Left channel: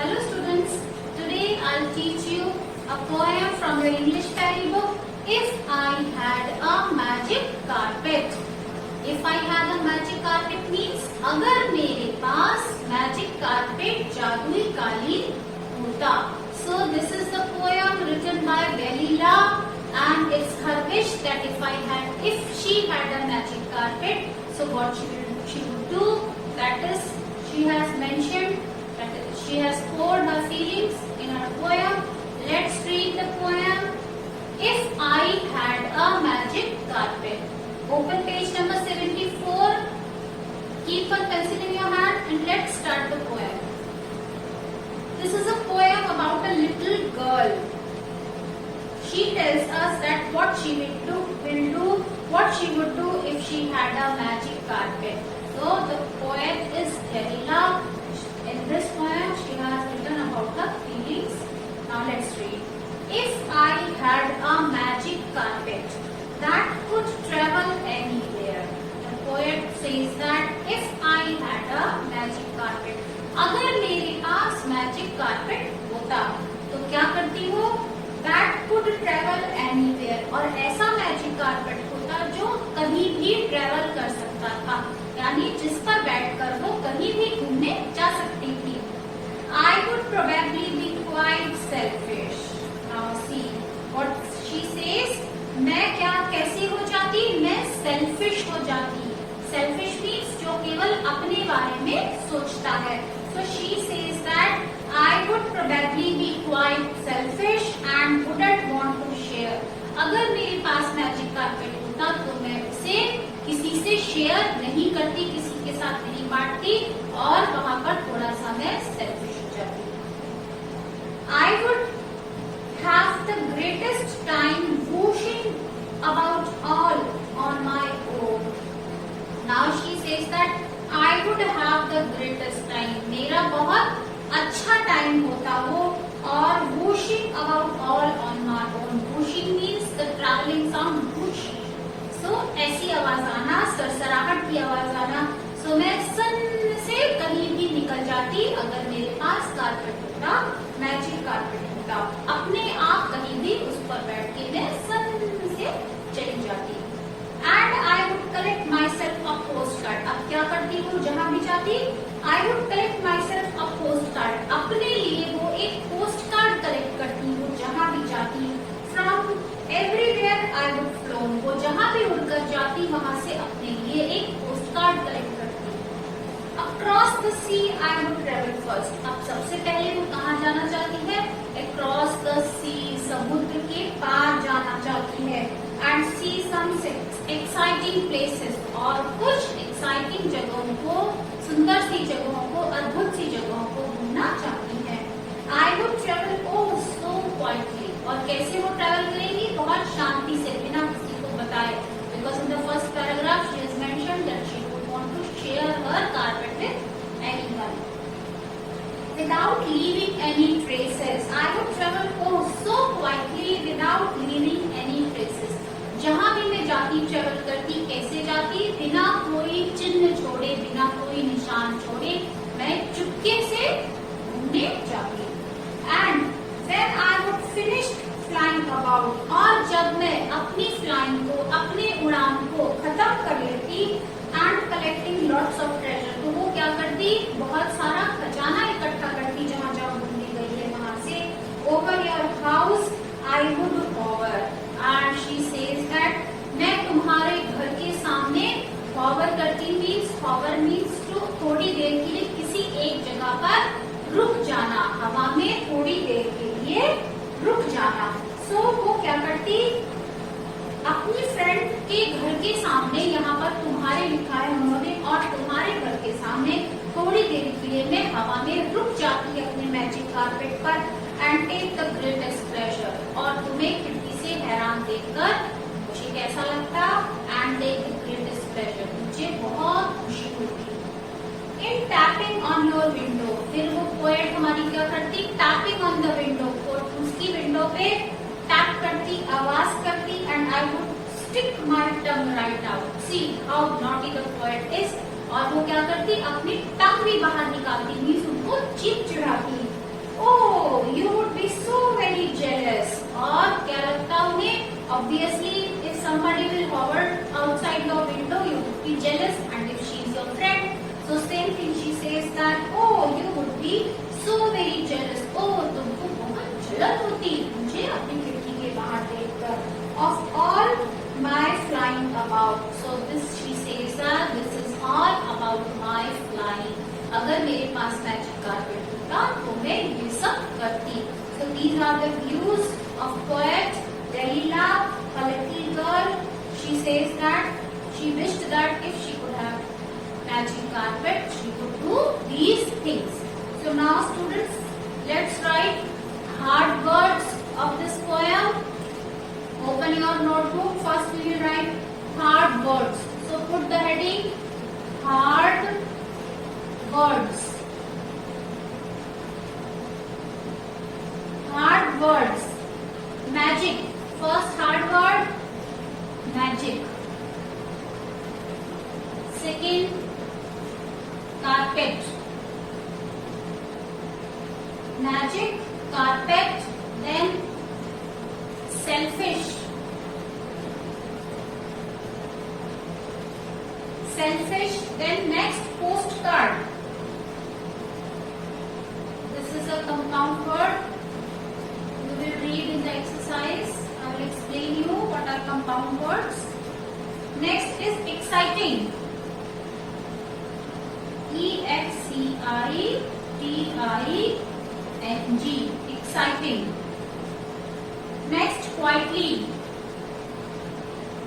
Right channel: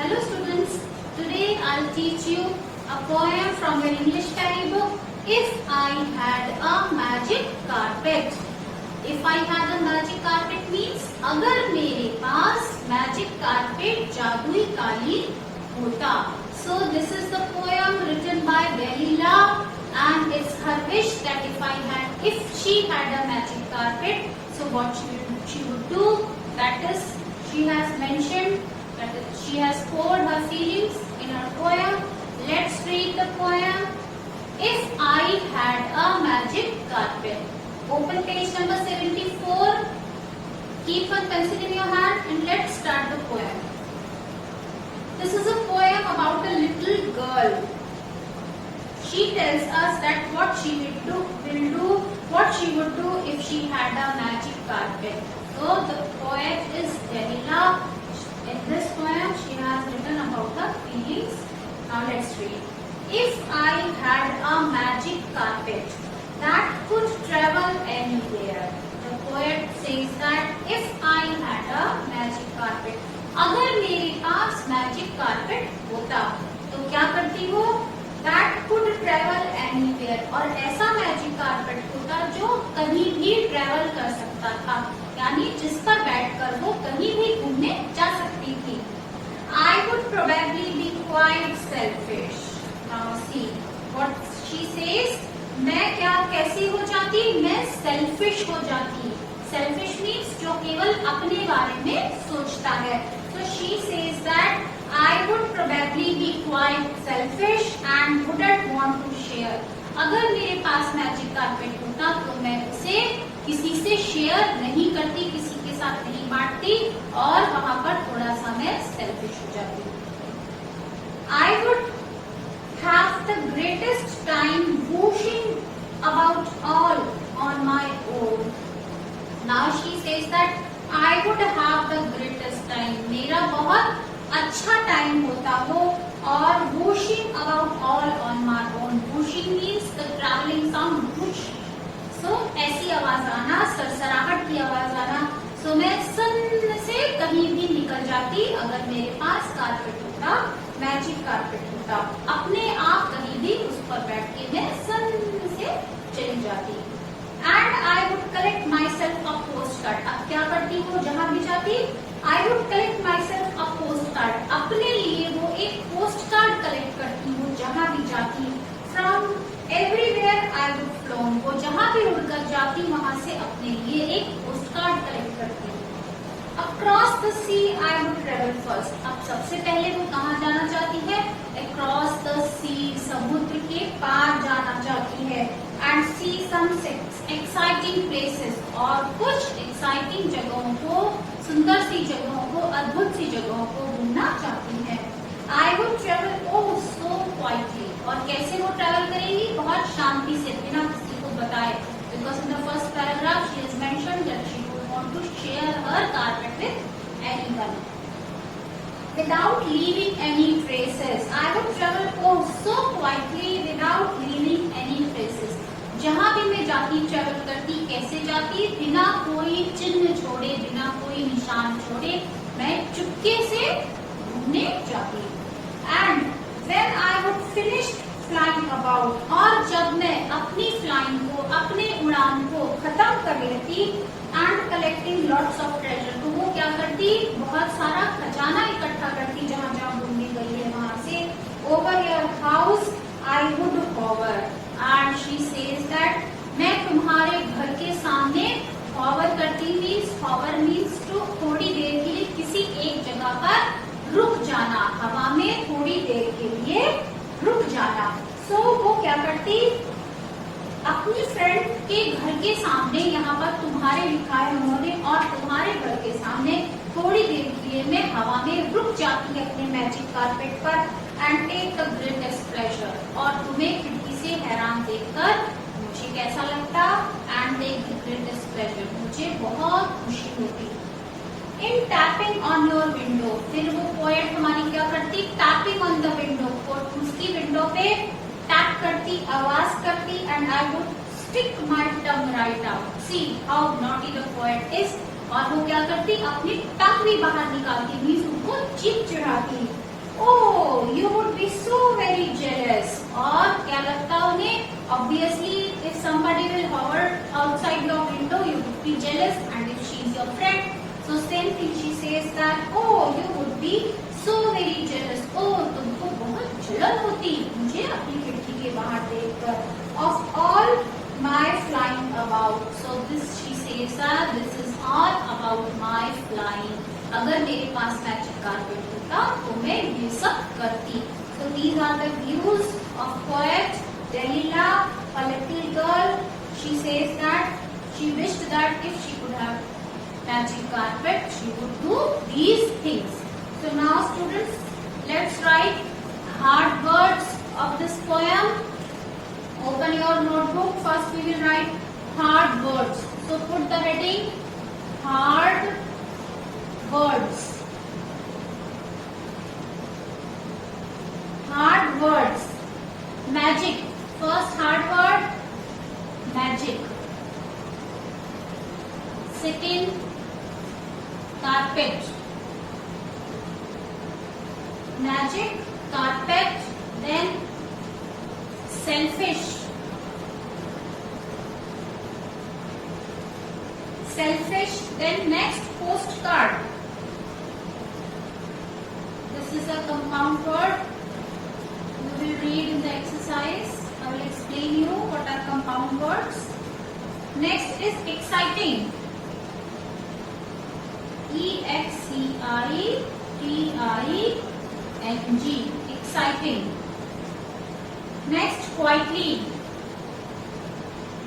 Hello students, today I'll teach you a poem from your English storybook, If I Had a Magic Carpet. If I had a magic carpet means अगर मेरे पास magic carpet जादुई कालीन होता. So this is the poem written by Delila and it's her wish that if she had a magic carpet, so what she would do, that is she has mentioned that she has poured her feelings in her poem. Let's read the poem. If I had a magic carpet. Open page number 74. Keep a pencil in your hand and let's start the poem. This is a poem about a little girl. She tells us that what she would do if she had a magic carpet. So the poet is Delila. In this poem, she has written about her feelings. Now let's read. If I had a magic carpet that could travel anywhere. The poet says that if I had a magic carpet, अगर मेरे पास magic carpet होता, तो क्या करती हो? That could travel anywhere. और ऐसा magic carpet होता जो कहीं भी travel कर सकता था, यानी जिस पर बैठकर वो कहीं भी घूमने जा सकती थी. I would probably be quite selfish. Now see what she says. मैं क्या कैसी हो जाती? मैं selfish हो जाती. Selfish means जो केवल अपने बारे में सोचता है. So she says that I would probably be quite selfish and wouldn't want to share. अगर मेरे पास मैजिक कारपेट होता तो मैं उसे किसी से शेयर नहीं करती, किसी के साथ नहीं बांटती और वहाँ पर थोड़ा सा मैं सेल्फिश हो जाती. I would have the greatest time whooshing about all on my own. Now she says that I would have the greatest time. मेरा बहुत अच्छा टाइम होता वो और whooshing about all on my own. Whooshing means the traveling sound whoosh. So ऐसी आवाज आना, सरसराहट की आवाज आना. So मैं सन से कहीं भी निकल जाती अगर मेरे पास कारपेट होता, मैजिक कारपेट होता. अपने आप कहीं भी उस पर बैठ के मैं सन से चली जाती. And I would collect myself a postcard. अब क्या करती हूँ जहाँ भी जाती? I would collect myself a postcard. अपने लिए वो एक पोस्ट कार्ड कलेक्ट करती हूँ जहाँ भी जाती. From everywhere I would flown. वो जहाँ भी उड़कर जाती वहाँ से अपने लिए एक पोस्ट कार्ड कलेक्ट करती हूँ. Across the sea I would travel first. अब सबसे पहले वो कहाँ जाना चाहती है? Across the sea. समुद्र के पार जाना चाहती है. And see some exciting places. और कुछ exciting जगहों को, सुंदर सी जगहों को, अद्भुत सी जगहों को घूमना चाहती है. I would travel oh so quietly. और कैसे वो ट्रैवल करेंगी? बहुत शांति से, बिना किसी को बताए. Because in the first paragraph she has mentioned that she would want to share her carpet with anyone. Without leaving any traces. I would travel oh so quietly without leaving any traces. जहाँ भी मैं जाती, travel करती, कैसे जाती? बिना कोई चिन्ह छोड़े, बिना कोई निशान छोड़े मैं चुपके से घूमने जाती. And when I would finish flying about, और जब मैं अपनी फ्लाइंग को, अपने उड़ान को खत्म कर लेती, and collecting lots of treasure, तो वो क्या करती? बहुत सारा खजाना इकट्ठा करती जहाँ जहाँ घूमने गई है वहाँ से. Over your house I would hover. And she says that मैं तुम्हारे घर के सामने hover करती. Hover means to थोड़ी देर के लिए किसी एक जगह पर रुक जाना, हवा में थोड़ी देर के लिए रुक जाना. So वो क्या करती? अपनी फ्रेंड के घर के सामने, यहाँ पर तुम्हारे लिखा है उन्होंने, और तुम्हारे घर के सामने थोड़ी देर के लिए मैं हवा में रुक जाती अपने मैजिक कारपेट पर. And take the greatest pleasure. और तुम्हें खिड़की से हैरान देखकर मुझे कैसा लगता? And take the greatest pleasure. मुझे बहुत खुशी होती. In tapping on your window. फिर वो पोएट हमारी क्या करती? Tapping on the window. उसकी विंडो पे टैप करती, आवाज करती. And I would stick my tongue right out. See how naughty the poet is. और वो क्या करती? अपनी टंग भी बाहर निकालती, मीन्स उनको चिढ़ाती. Oh, you would be so very jealous. और क्या लगता है उन्हें? Obviously, if somebody will hover outside your window, you would be jealous, and if she is your friend, so same thing. She says that, oh, you would be so very jealous. Oh, तुमको बहुत जलन होती मुझे अपनी खिड़की के बाहर देखकर. Of all my flying about. So this she says that this is all about my flying. अगर मेरे पास मैजिक कारपेट होता तो मैं ये सब करती. So these are the views of poet Delilah, a little girl. She says that she wished that if she could have magic carpet, she would do these things. So now students, let's write hard words of this poem. Open your notebook. First we will write hard words. So put the heading hard words. Hard words. Magic. First hard word, magic. Second, carpet. Magic, carpet, then selfish. Selfish, then next postcard. This is a compound word. You will read in the exercise. I will explain you what are compound words. Next is exciting. E-X-C-I-T-I-N-G. Exciting. Next, quietly.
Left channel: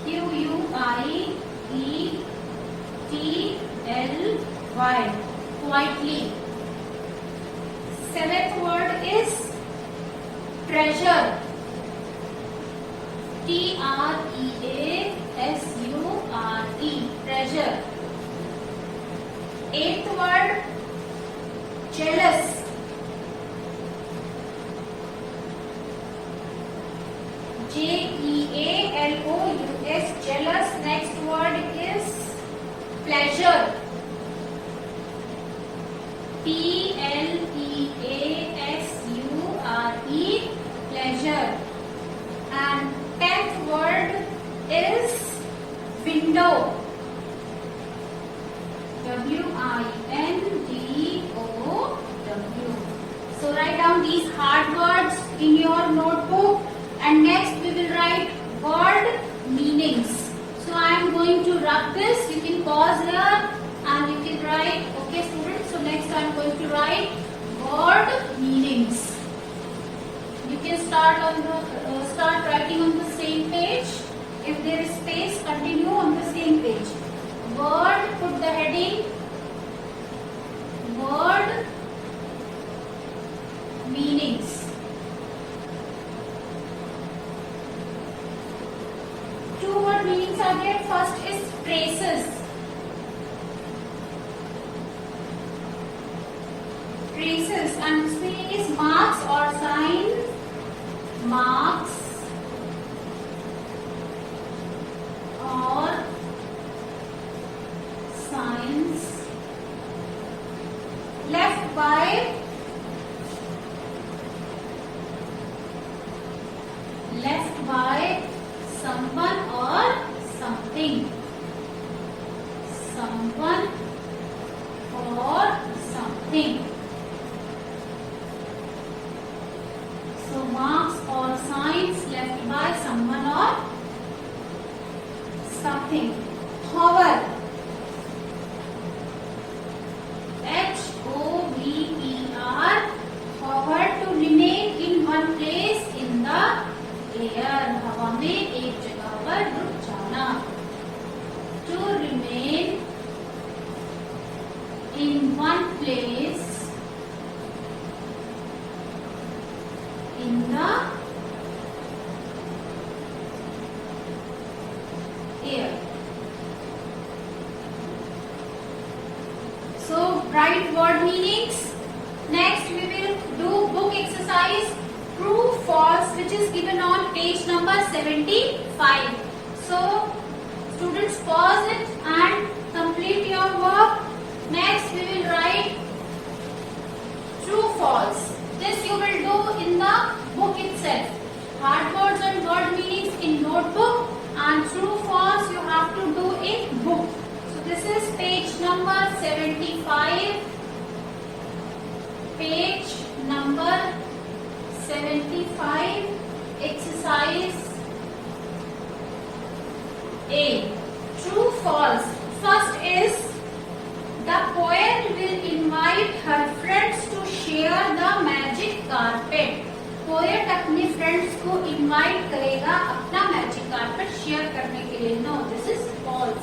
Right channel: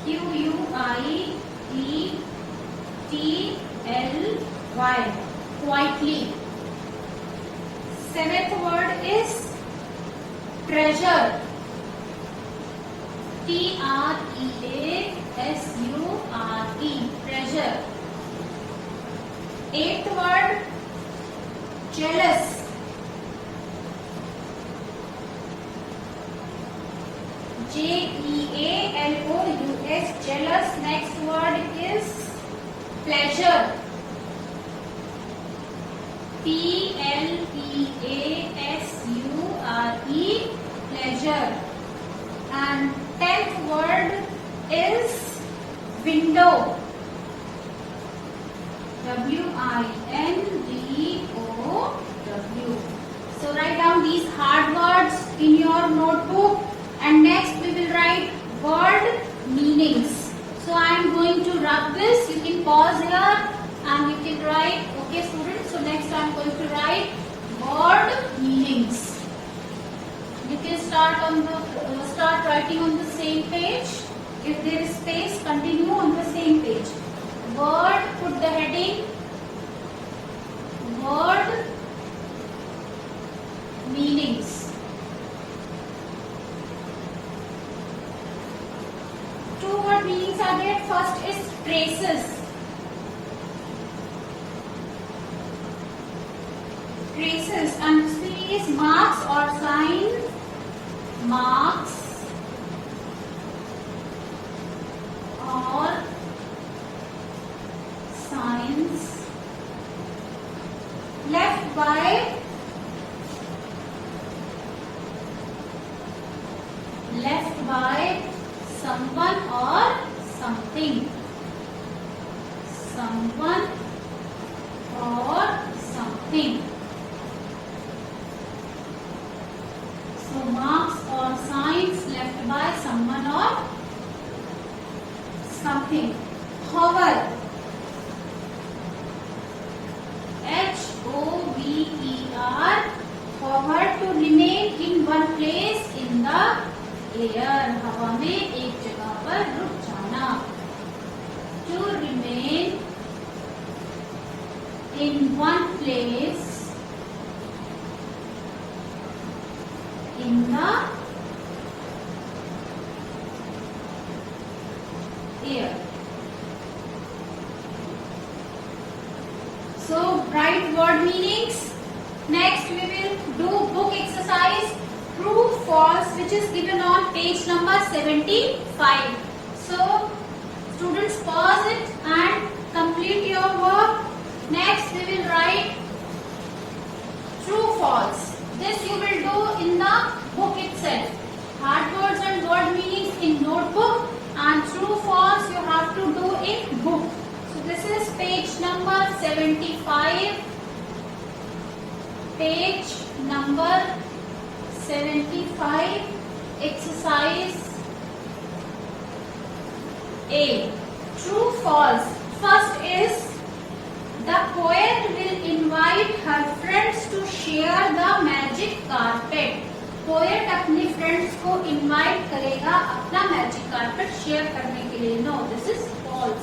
Q-U-I-E-T-L-Y. Quietly. Seventh word is treasure. T-R-E-A-S-U-R-E. Treasure. Eighth word, jealous. J-E-A-L-O-U-S. Jealous. Next word is pleasure. P-L-E-A-S-U-R-E. Pleasure. And 10th word is window. W-I-N-D-O-W. So write down these hard words in your notebook, and next we will write word meanings. So I am going to rub this. You can pause here and you can write. Okay, students. So next I am going to write word meanings. You can start writing on the same page. If there is space, continue on the same page. Word, put the heading word meanings. Two word meanings are there. First is traces. Traces, and this meaning is marks or signs. Marks or signs left by someone or something. Someone or something. So marks or signs left by someone or something. Hover. H-O-V-E-R. Hover, to remain in one place in the air. हवा में एक जगह पर रुक जाना. To remain in one place in the air. So write word meanings. Next we will do book exercise true false, which is given on page number 75. So students, pause it and complete your work. Next we will write true false. This you itself. Hard words and word meanings in notebook, and true false you have to do in book. So this is page number 75. Page number 75, exercise A. True false. First is, the poet will invite her friends to share the magic carpet. Poet अपने friends को invite करेगा अपना magic carpet share करने के लिए. No, this is false.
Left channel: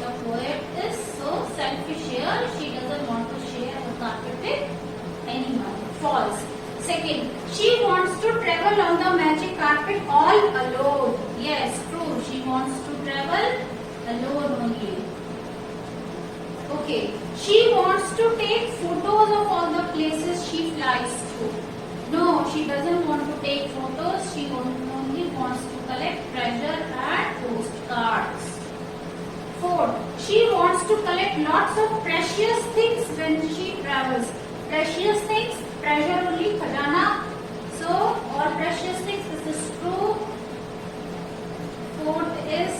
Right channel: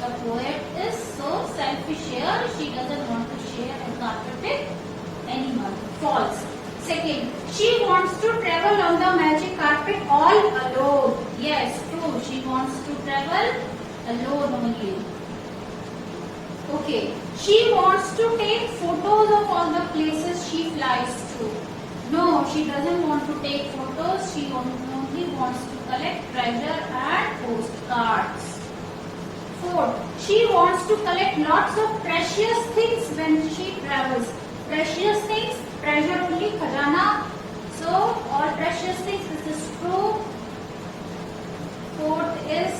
The poet is so selfish here, she doesn't want to share the carpet with anyone. False. Second, she wants to travel on the magic carpet all alone. Yes, true. She wants to travel alone only. Okay. She wants to take photos of all the places she flies to. No, she doesn't want to take photos. She only wants to collect treasure and postcards. Fourth, she wants to collect lots of precious things when she travels. Precious things, treasure only, khajana. So, all precious things, this is true. Fourth is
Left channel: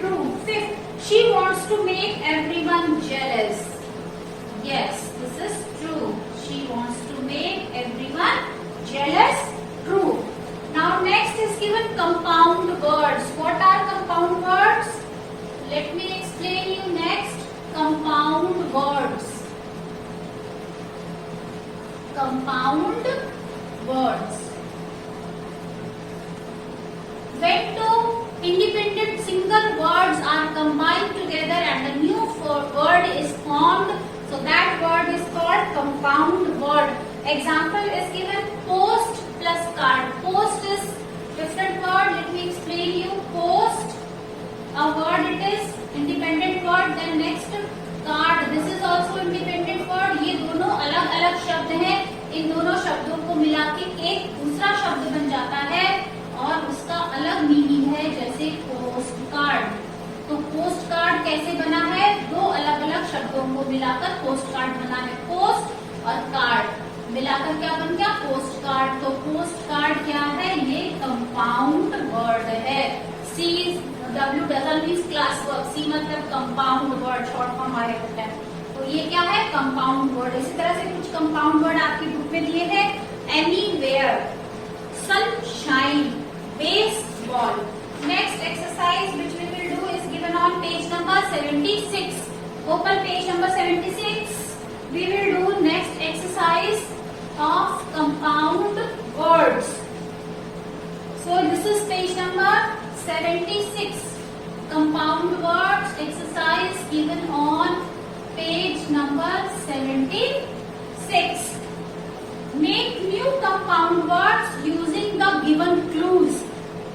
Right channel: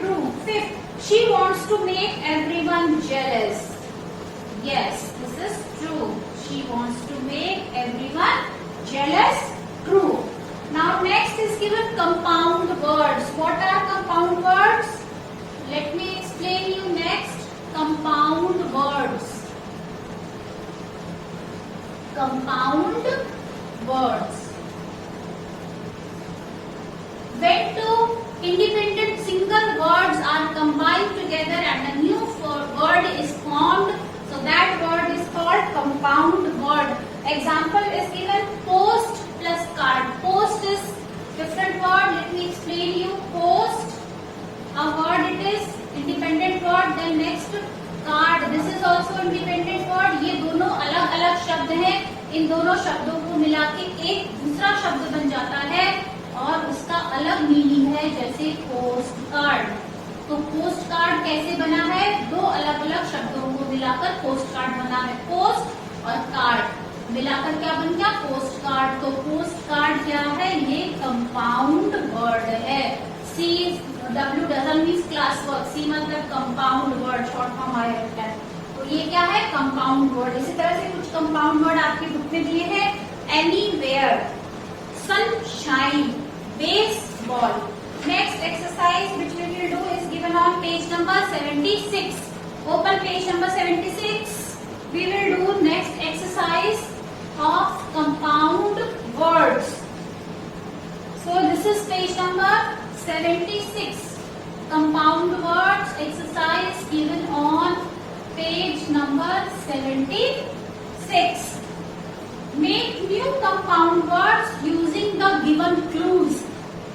true. Fifth, she wants to make everyone jealous. Yes, this is true. She wants to make everyone jealous. True. Now next is given compound words. What are compound words? Let me explain you next. Compound words. Compound words. When two independent single words are combined together and a new word is formed, so that word is called compound word. Example is given, post plus card. Post is different word. Let me explain you. Post, a word, it is independent word. Then next card, this is also independent word. ये दोनों अलग अलग शब्द हैं. इन दोनों शब्दों को मिला के एक दूसरा शब्द बन जाता है और उसका अलग मीनिंग है, जैसे पोस्ट कार्ड. तो पोस्ट कार्ड कैसे बना है? दो अलग अलग शब्दों को मिलाकर पोस्ट कार्ड बना है. पोस्ट और कार्ड मिलाकर क्या बन गया? Post card. तो पोस्ट कार्ड क्या है? ये कंपाउंड वर्ड है. C W doesn't mean class work. C मतलब कंपाउंड वर्ड, शॉर्ट फॉर्म आया रहता है. तो ये क्या है? Compound word. इसी तरह से कुछ कंपाउंड वर्ड आपकी बुक में दिए हैं. Anywhere, sunshine, baseball. Next exercise which we will do is given on page number 76. Open page number 76. We will do next exercise of compound words. So this is page number 76. Compound words exercise given on page number 76. Make new compound words using the given clues.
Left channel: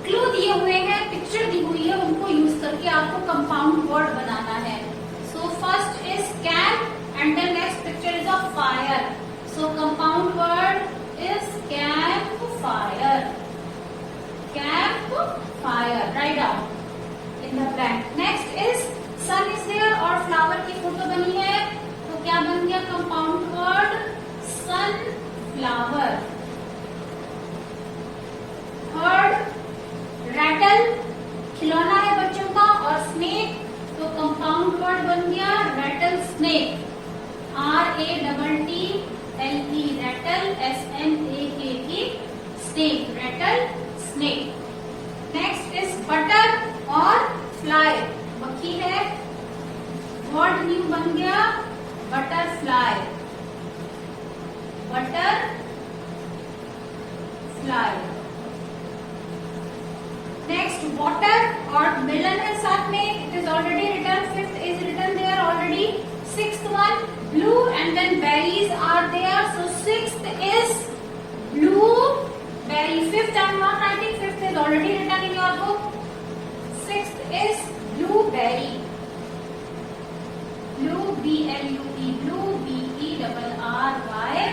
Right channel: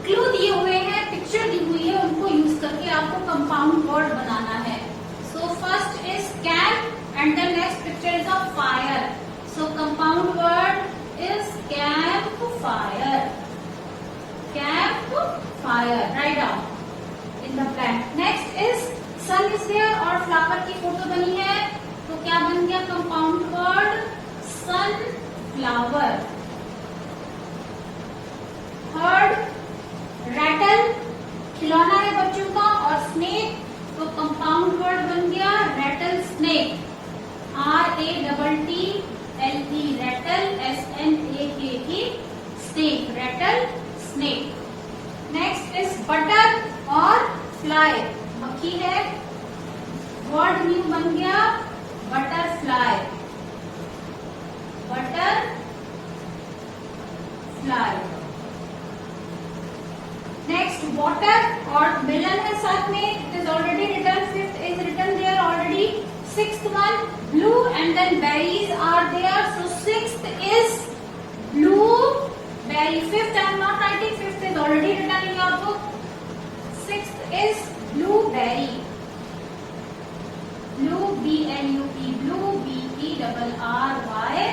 Clue दिए हुए हैं, picture दी हुई है, उनको use करके आपको compound word बनाना है. So first is camp and then next picture is of fire. So compound word is camp fire. Camp fire. Right down in the blank. Next is sun is there और flower की photo बनी है, तो क्या बन गया compound word? Sun flower. Third, rattle खिलौना है बच्चों का, और स्नेक, तो कंपाउंड वर्ड बन गया rattle snake. RATTLE rattle. SNAKE snake. Rattle snake. Next is butter और फ्लाई. मक्खी है, वर्ड न्यू बन गया butterfly. Butter fly. Next water और मिलन है साथ में. It is already written. Fifth is written there already. Sixth one blue and then berries are there. So sixth is blue berry. Fifth I am not writing. Fifth is already written in your book. Sixth is blue berry. Blue BLUE. Blue BERRY.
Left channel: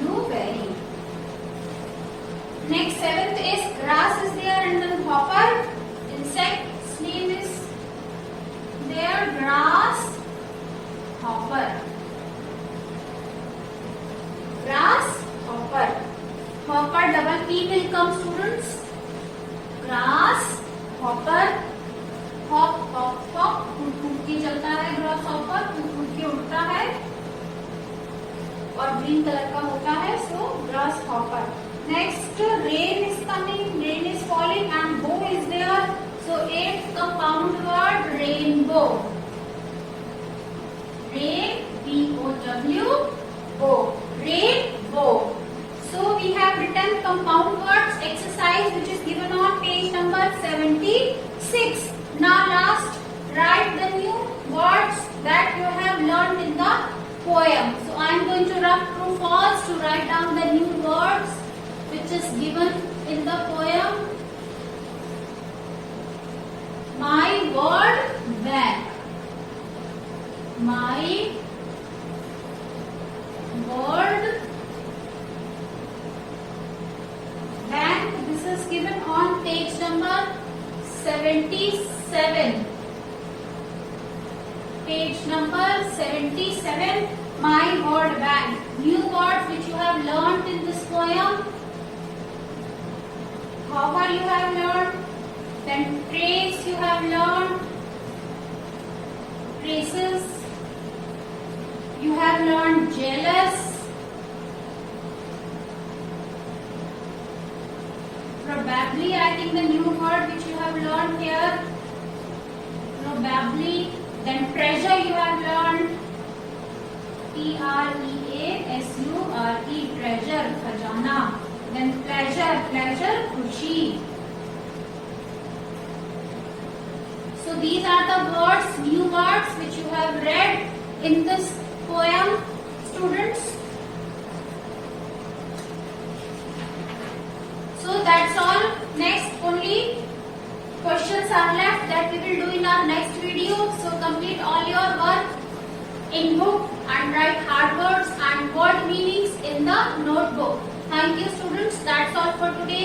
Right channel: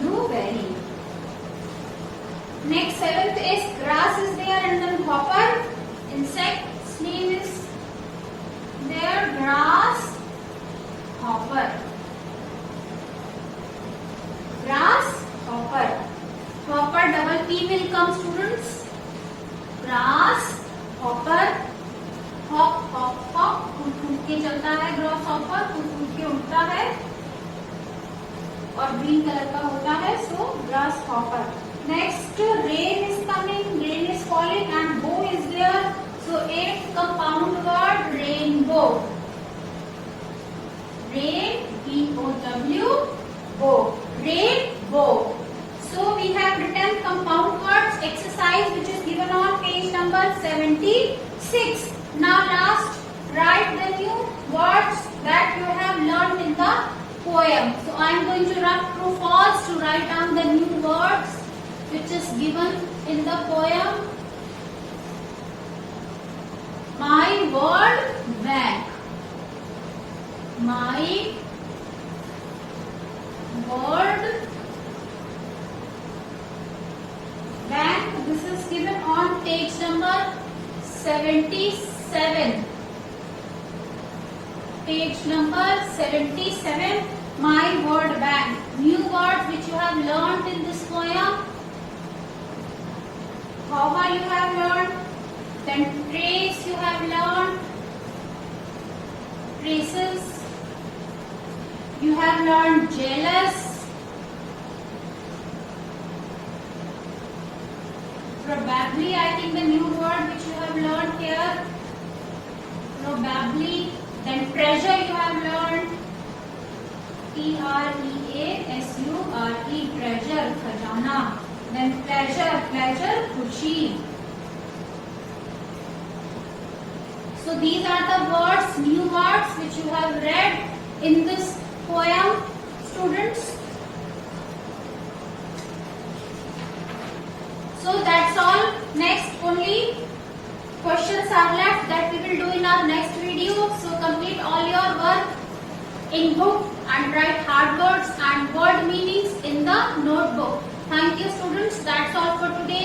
Blueberry. Next, seventh is grass is there and then hopper. Insect's name is there, grass hopper. Grass hopper. Hopper double P will come, students. Grass hopper. Hop hop hop, कूद कूद के चलता है grass hopper, कूद कूद के उड़ता है और ग्रीन कलर का होता है, so grasshopper. Next, rain is coming, rain is falling and bow is there, so एक compound word rainbow. Rain, B-O-W, bow, rainbow. So we have written compound words exercise which is given on page number 76. Now last, write the new words that you have learned in the poem. So I am going to rub true false to write down the new words which is given in the poem. My word bank. My word bank. This is given on page number 77. Page number 77. My word bank. New words which you have learnt in this poem. Hover you have learnt. Then trace you have learnt. Traces. You have learnt jealous. Probably, I think the new word which you have learnt here. Probably. Then treasure you have learnt. T-R-E-A-S-U-R-E. Treasure, khajana. Then pleasure, pleasure, khushi. So these are the words, new words which you have read in this poem, students. So that's all. Next, only questions are left that we will do in our next video. So complete all your work in book and write hard words and word meanings in the notebook. Thank you, students. That's all for today.